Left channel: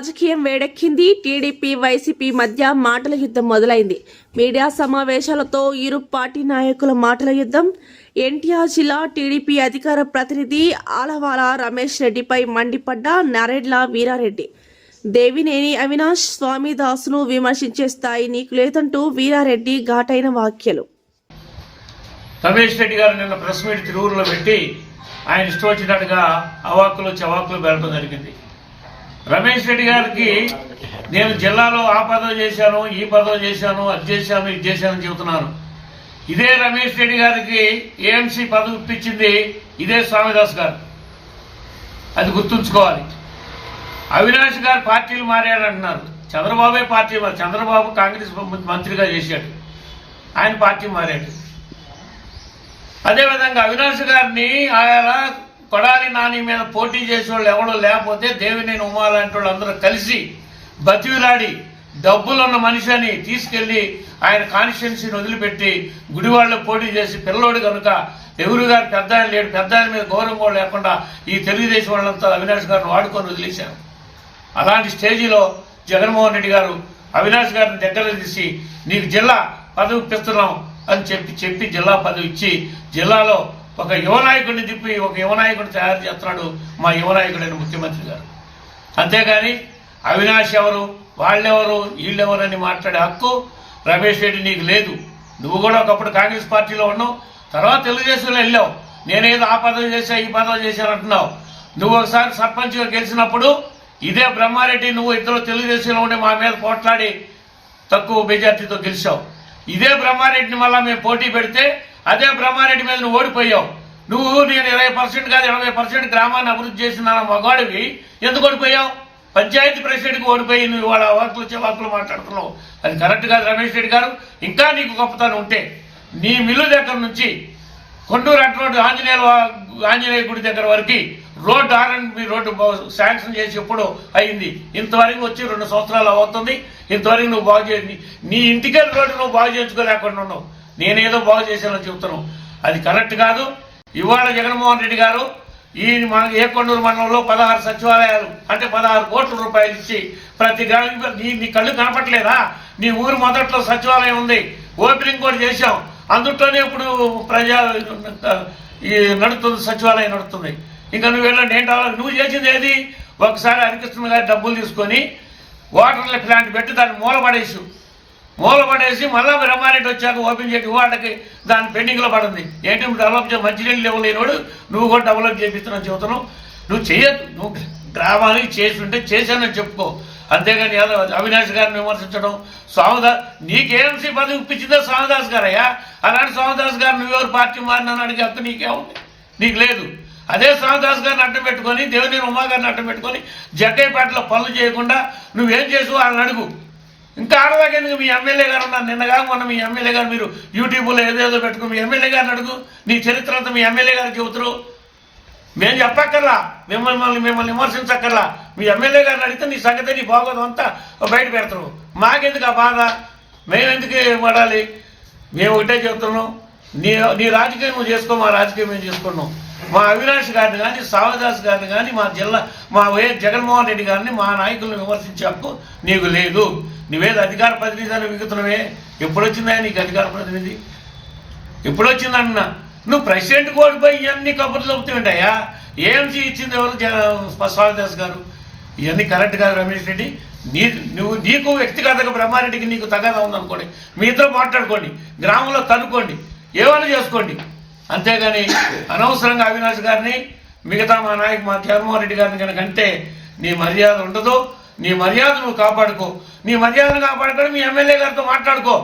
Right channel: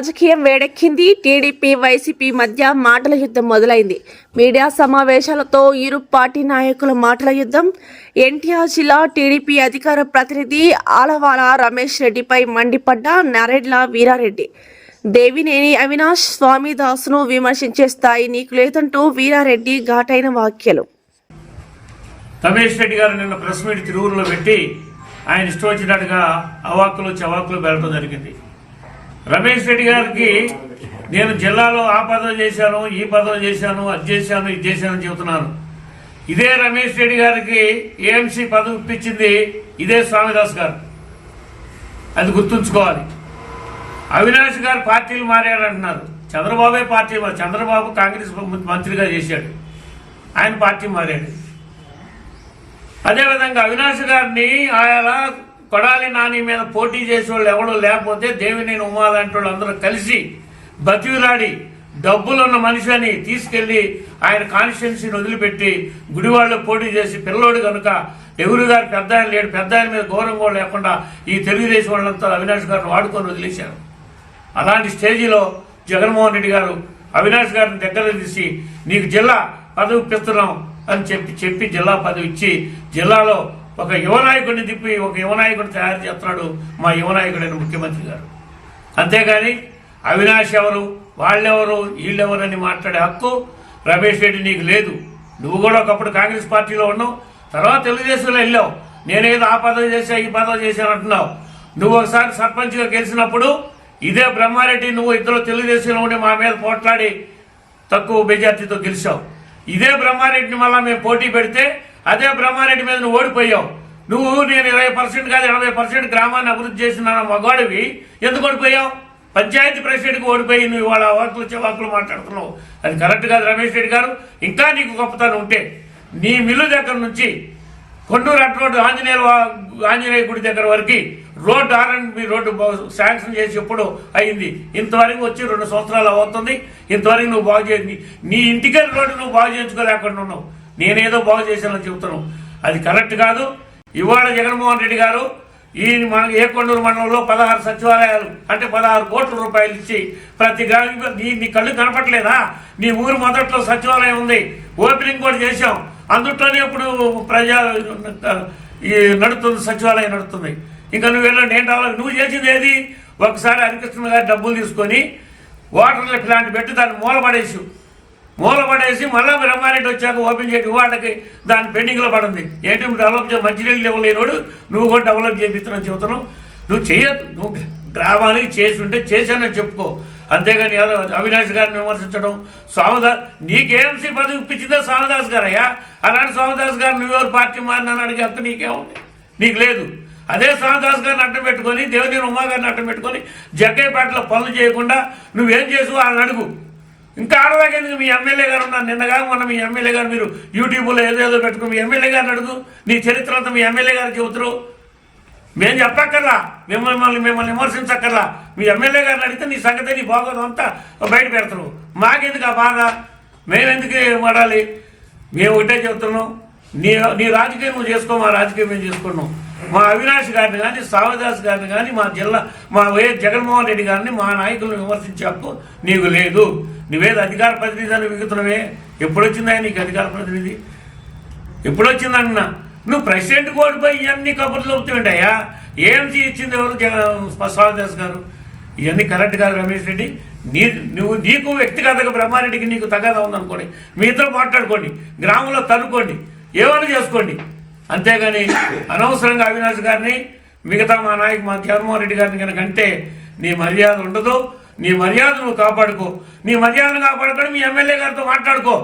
రాజకీయం వేడెక్కింది. TDP YCP మధ్య మాటల యుద్ధం మొదలైంది. మీడియా సమావేశాలతో ఇరు పార్టీ నాయకుల మాటల యుద్ధం. ఎన్టీఆర్ జిల్లా టీడీపీ అధికార ప్రతినిధి ఆలవాల రమేష్ రెడ్డిపై మండిపడ్డ నరెడ్ల వీరారెడ్డి. దేవినేని అవినాష్ స్వామిదాసును విమర్శించే స్థాయి నీకు లేదంటూ వీరారెడ్డి ఘాటైన వ్యాఖ్యలు. రమేష్ రెడ్డి గారు నిన్న ప్రెస్ మీట్ తిరువురులో పెట్టి ఆయన ఇష్టం వచ్చినట్టుగా అవాక్కులు చవాకులు వెళ్ళడం జరిగింది. రమేష్ రెడ్డి గారికి నేను జిల్లాలో ఆ పదవి చేశాను, ఈ పదవి చేశాను, అది చేశాను, ఇది చేశానని చెబుతున్నాను. ఇదే రమేష్ రెడ్డి గారికి ఏఎంసీ పదవి ఇప్పించింది ఇదే స్వామిదాస్ గారు. అది గుర్తుంచుకోవాలి. అవినాష్ గారు పార్టీలు మారారంటున్నారు. చంద్రబాబే పార్టీ, చంద్రబాబు కాంగ్రెస్ మంత్రిగా చేశాడు, ఆయన పార్టీ మారాడు. అదేవిధంగా అవినాష్ గారిని ఆయన కొడాలి నాని మీద పోటీ చేసేవాళ్ళు ఎవడో లేకపోతే దేవినేని ఉమా లాంటి వాళ్ళు అందరూ కలిసి బతివిలాడి డబ్బులు ఉన్న మనిషి అని తీసుకెళ్లి ఆయన కాన్స్టిట్యున్సీని వదిలిపెట్టి గుడివాళ్ళు పోటీ చేసి పిల్లోడు కనుక నెహ్రూ గారు పెద్ద ఆయన లేడు, పెద్ద ఆయన మీద గౌరవం కూడా లేకుండా ఈ తెలుగుదేశం వాళ్ళంతా అవినాష్ గారిని వాడుకొని వదిలేశారు. అలాంటి స్టేజీలో జగన్మోహన్ రెడ్డి గారు అవినాష్ గారిని దగ్గర తీసి నీకు జిల్లా పదవి ఇప్పిస్తున్నాం అని చెప్పి జిల్లా పదవి ఇచ్చి జిల్లాలో ఒక యువనాయకుడిని తిప్పి ఒక యువనాయకుడిని తయారు చేస్తున్నాడు మా యువనాయకుడైన ముఖ్యమంత్రి గారు. అంతేగాని అవినాష్ ఎవరు, వాళ్ళెవరు, వీళ్ళెవరు అని మాట్లాడే హక్కు రమేష్ రెడ్డి నీకు లేదు. నువ్వు కూడా ఒకప్పుడు కాంగ్రెస్ పార్టీలో ఉన్నావు, తర్వాత తెలుగుదేశంలో వెళ్ళావు. నేనేదో ఆ పదవి చేశా, ఈ పదవి చేశాను అంటున్నావు. నువ్వు ఒకసారి సర్పంచ్గా గెలిచినప్పుడు ఇదే బ్రహ్మారెడ్డి నువ్వు ఇద్దరు తెలుగుదేశంలో ఉండి మా మీద పోట్లాడి తక్కువ మెజార్టీతో గెలిచావు. ఇదే బ్రహ్మారెడ్డిని మళ్ళీ మేము పోటీ పెడితే అదే బ్రహ్మారెడ్డి మీద నువ్వు ఓడిపోయావు. నువ్వు నేను 20% కాదు 80% గ్రామాన్ని అభివృద్ధి చేసిన మగవాడివి ఎందుకు ఓడిపోయావు? పంచాయతీ ప్రెసిడెంట్కి ఓడిపోయి నువ్వు వాళ్ళ వాకులు మాట్లాడుతున్నావు. అది కరెక్ట్ కాదు రమేష్ రెడ్డి గారు. ఇంకా నీకు గొప్పతనం ఉంటే నీ మిల్లు దగ్గర నుంచి కొండూరు అట్ రోడ్డు ఆంజనేయ గుడి దగ్గర వరకు రోడ్డు R&B రోడ్డు శాంక్షన్ చేసి ఎప్పుడు అయింది. ఇంతవరకు వచ్చి 2 సంవత్సరాలు అవుతుంది. ఇంతవరకు నువ్వు బాగు చేసి నీ ఇంటికెళ్ళి రోడ్డు నువ్వు బాగు చేయించుకోలేకుండా ఉన్నావు. నేనేదో బాగు చేశానని చెబుతున్నావు. అది కరెక్ట్ కాదు. ఇవాళ జగన్మోహన్ రెడ్డి గారు మన ఏకొండూరు మండలంలో 16 సచివాలయాలు అంటే 16 కోట్ల రూపాయలు ఇచ్చి ప్రతి నీ కళ్ళు కనపట్లేదా? నీ ఊరు మొదట్లో సచివాలయం ఉంది, ఓపెనింగ్ కూడా చేశాం. అందుట్లోనే ఇప్పుడు నడుస్తుంది, సచివాలయం నడుస్తుంది. ఇంకా నువ్వు వెళ్ళండి ఏంటి నువ్వు చేసింది ఏది? ఒకసారి హరికృష్ణ గారి డబ్బులు తీసుకొని వాటర్ ప్లాంట్ పెట్టి దాన్ని మూలపడేసి మళ్ళీ బ్రహ్మారెడ్డి వచ్చాక ఓపెన్ చేసి వాళ్ళకి దాని పెండింగ్లో పడింది. ఏంటి డెవలప్ మంచినీళ్ళు ఇవ్వలేనోడు నువ్వు కూడా డెవలప్ చేపిస్తున్నావు చెబుతున్నావు. నువ్వు చేయొద్దు. నువ్వు గ్రామానికి చేసి ఉంటే చేశానని చెప్పుకో. అంతేగాని అవినాష్ గారిని విమర్శించడం. స్వామిదాస్ నీకేఎంసీ పదవి ఇప్పించిందే స్వామిదాస్ గారయ్యా. అలాంటి స్వామిదాస్ గారు నువ్వెవరు పార్టీ మారినాను అడిగే హక్కు నీకేముంది? నీకు లేదు. అదే స్వామిదాస్ గారిని అడ్డం పెట్టుకొని దేవినేని ఉమా గారిని అడ్డం పెట్టుకొని జగ్గయ్యపేటలో పనులు చేయకుండా నువ్వేం చేసావు వాళ్ళని అడుగు. ఇంకా ఆడదాకెందుకు? మీ ఎమ్మెల్యే గారు ఉన్నారు. నిన్నగా మొన్న మీ ఎమ్మెల్యే గారు మీరు యూట్యూబ్లో ఏదేదో పెట్టుకుని మీ ఎమ్మెల్యే గారిని అడుగు. నీ చరిత్ర అంతా మీ ఎమ్మెల్యే గారు చెబుతారు. మేము చెప్పక్కర్లా, మిమ్మల్ని విమర్శించక్కర్లా. మీ ఎమ్మెల్యే గారిని అడిగితే నీ సంగతి నీ బాగోదు అంతా బయట పెడతారు. మాకెందుకు ఆ బాధ? మేమెందుకు పడాలి? మేము ఒకటే చెబుతున్నాం, నీ రాజకీయం నువ్వు చేసుకో, మా రాజకీయం మేము చేసుకున్నాం. మా అవినాష్ గారిని కానీ స్వామిదాస్ గారిని కానీ మా వైఎస్ జగన్మోహన్ రెడ్డి గారిని మా నాయకులను విమర్శించే హక్కు నీకు లేదు. నువ్వేది అధికార ప్రతినిధి అని విగుతున్నావే. ఎప్పుడొచ్చిందా నీకు అధికార ప్రతినిధి? ఎప్పుడొచ్చిందన్నా? నువ్వు ప్రెసిడెంట్ ఓడిపోయి ఇవన్నీ కబుర్లు చెబుతుంటాయా? ఏఎంసీ ఇచ్చింది ఎవరు? స్వామిదాస్ గారు. ఇవన్నీ కరెక్ట్ కాదు రమేష్ రెడ్డి. నీకు వ్యక్తిగతంగా బ్రహ్మారెడ్డికి నీకు తగాదా ఉందనుకోండి, మీతో మాట్లాడుకోండి, గ్రామంలో తనుకోండి, ఏమైనా చేసుకోండి. అంతేగాని అనవసరంగా అవినాష్ గారిని మిగతా మా జగన్మోహన్ రెడ్డి గారిని కనుక అంటే నీ మర్యాద ఉండదు. నీ మర్యాద నువ్వు కాపాడుకో. నీ మర్యాదను కాపాడుకొని మీ ఎమ్మెల్యే గారితో మాట్లాడుకో.